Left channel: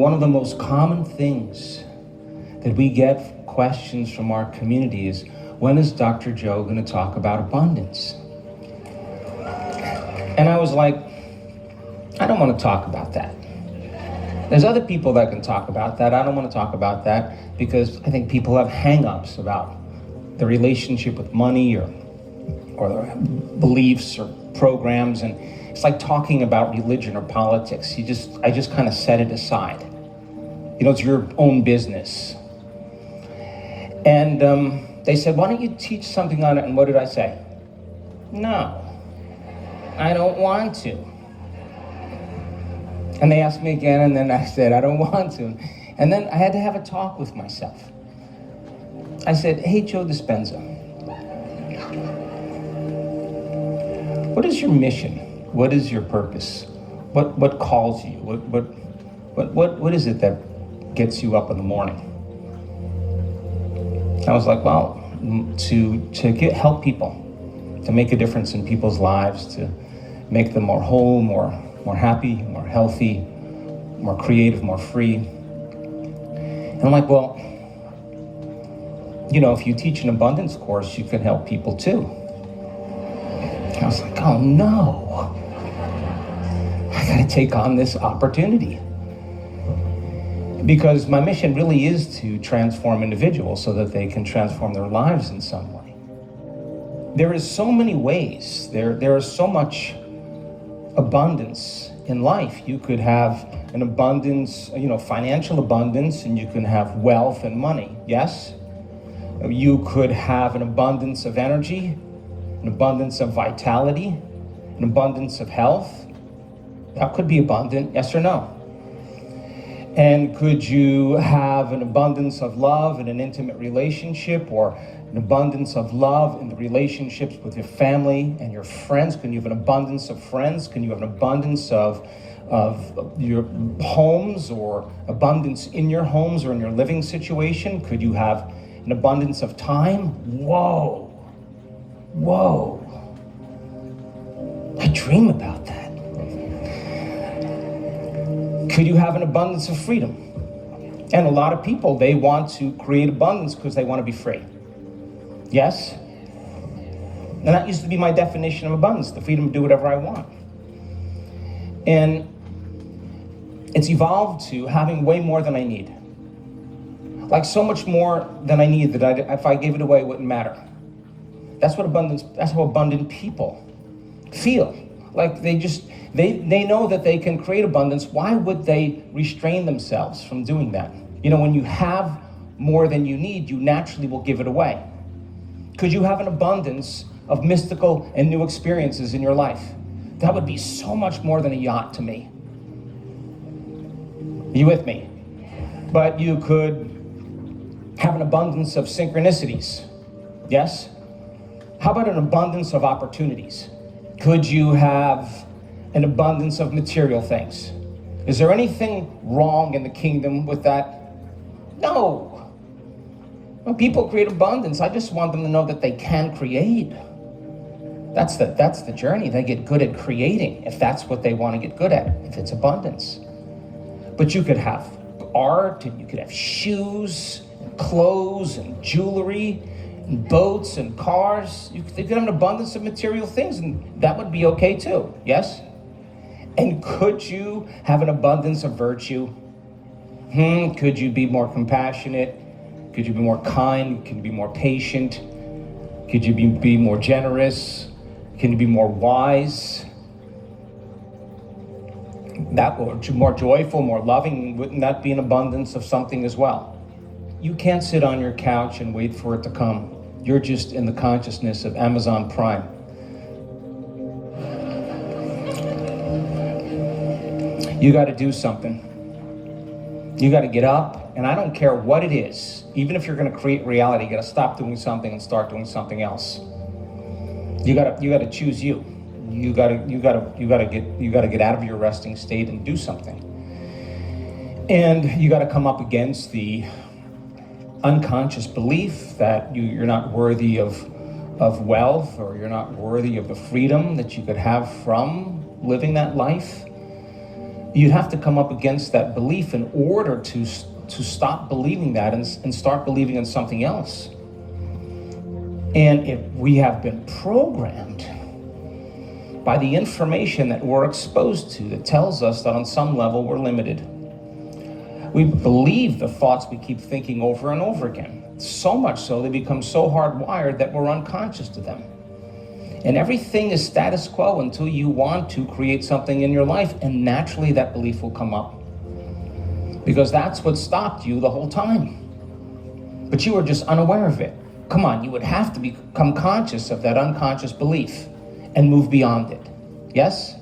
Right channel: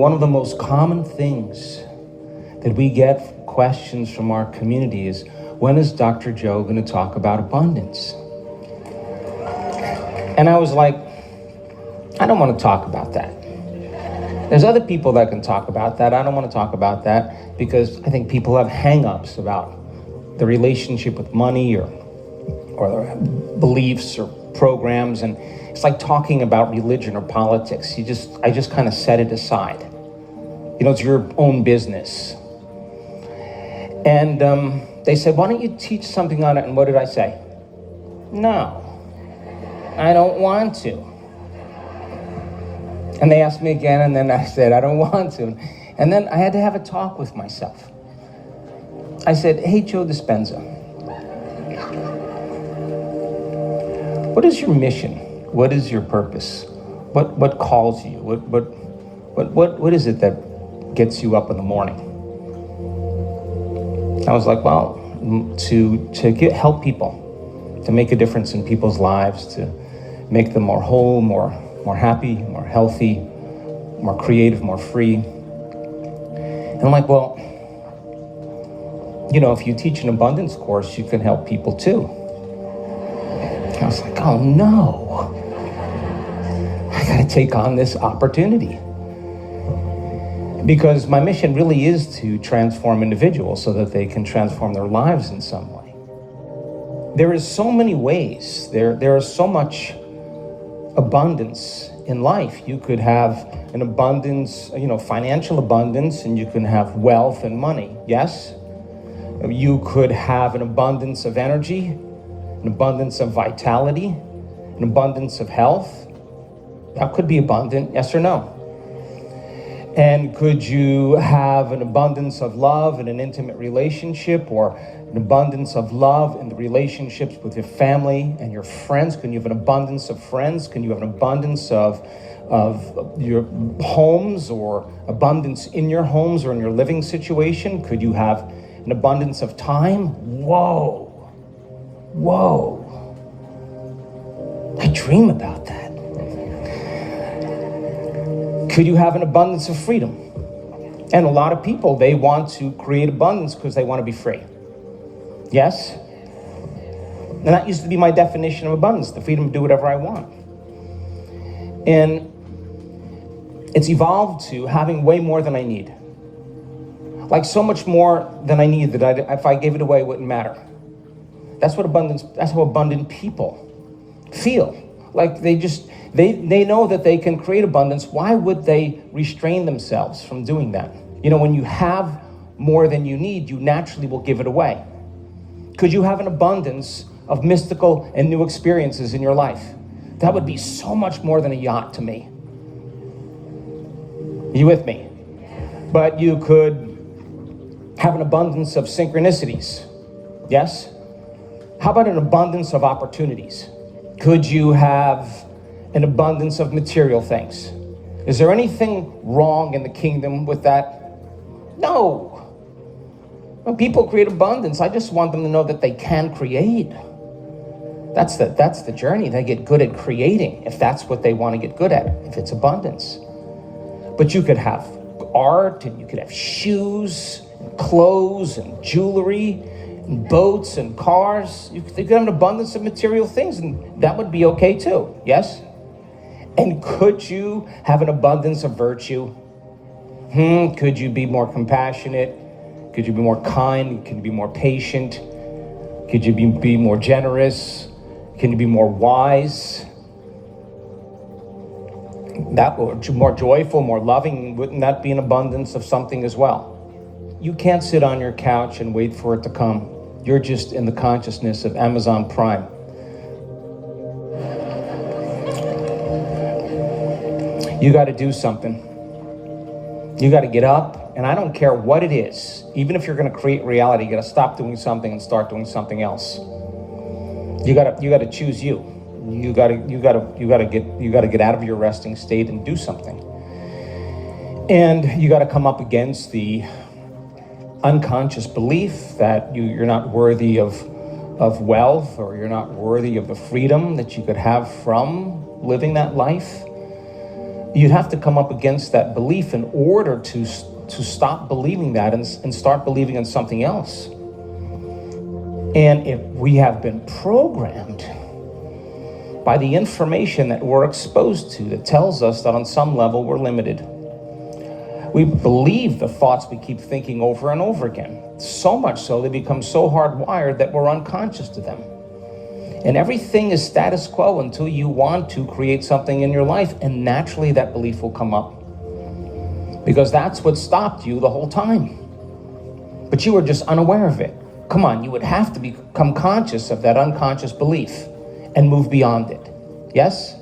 one of the most common things that we get questions from our community is, when is Dr. Joe going to talk about abundance? And I was like, I don't want to talk about that. There's other people that can talk about that. I don't want to talk about that because I think people have hang-ups about the relationship with money or beliefs or programs, and it's like talking about religion or politics. I just kind of set it aside. It's your own business. And they said, why don't you teach something on it? And what did I say? No, I don't want to. And they asked me again, and then I said, I don't want to. And then I had to have a talk with myself. I said, hey, Joe Dispenza, what is your mission? What is your purpose? What calls you? What is it that gets you up in the morning? I was like, well, to help people, to make a difference in people's lives, to make them more whole, more happy, more healthy, more creative, more free. And I'm like, well, if you teach an abundance course, you can help people too. I was like, oh no, I gotta take on this opportunity. Because my mission really is to transform individuals so that they can transform their lives in some way. There is so many ways, there is so much abundance in life. You could have an abundance, financial abundance, and you can have wealth and money, yes? You could have an abundance of energy, an abundance of vitality, an abundance of health. That could be abundant, yes or no? And could you have an abundance of love in an intimate relationship, or an abundance of love in the relationships with your family and your friends? Can you have an abundance of friends? Can you have an abundance of your homes, or abundance in your homes or in your living situation? Could you have an abundance of time? Whoa. I dream about that. Could you have an abundance of freedom? And a lot of people, they want to create abundance because they want to be free. Yes? And that used to be my definition of abundance, the freedom to do whatever I want. And it's evolved to having way more than I need. Like so much more than I need that if I gave it away, it wouldn't matter. That's how abundant people feel. Like they know that they can create abundance. Why would they restrain themselves from doing that? When you have more than you need, you naturally will give it away. Could you have an abundance of mystical and new experiences in your life? That would be so much more than a yacht to me. You with me? But you could have an abundance of synchronicities. Yes? How about an abundance of opportunities? Could you have an abundance of material things? Is there anything wrong in the kingdom with that? No. When people create abundance, I just want them to know that they can create. That's the journey. They get good at creating, if that's what they want to get good at, if it's abundance. But you could have art, and you could have shoes, and clothes, and jewelry, and boats, and cars. You could have an abundance of material things, and that would be okay too, yes? And could you have an abundance of virtue? Could you be more compassionate? Could you be more kind? Could you be more patient? Could you be more generous? Can you be more wise? More joyful, more loving? Wouldn't that be an abundance of something as well? You can't sit on your couch and wait for it to come. You're just in the consciousness of Amazon Prime. You got to do something. You got to get up, and I don't care what it is. Even if you're going to create reality, you got to stop doing something and start doing something else. You got to choose you. You got to get out of your resting state and do something. And you got to come up against the unconscious belief that you're not worthy of wealth, or you're not worthy of the freedom that you could have from living that life. You'd have to come up against that belief in order to stop believing that and start believing in something else. And if we have been programmed by the information that we're exposed to that tells us that on some level we're limited, we believe the thoughts we keep thinking over and over again. So much so they become so hardwired that we're unconscious to them. And everything is status quo until you want to create something in your life, and naturally that belief will come up. Because that's what stopped you the whole time. But you were just unaware of it. Come on, you would have to become conscious of that unconscious belief and move beyond it. Yes?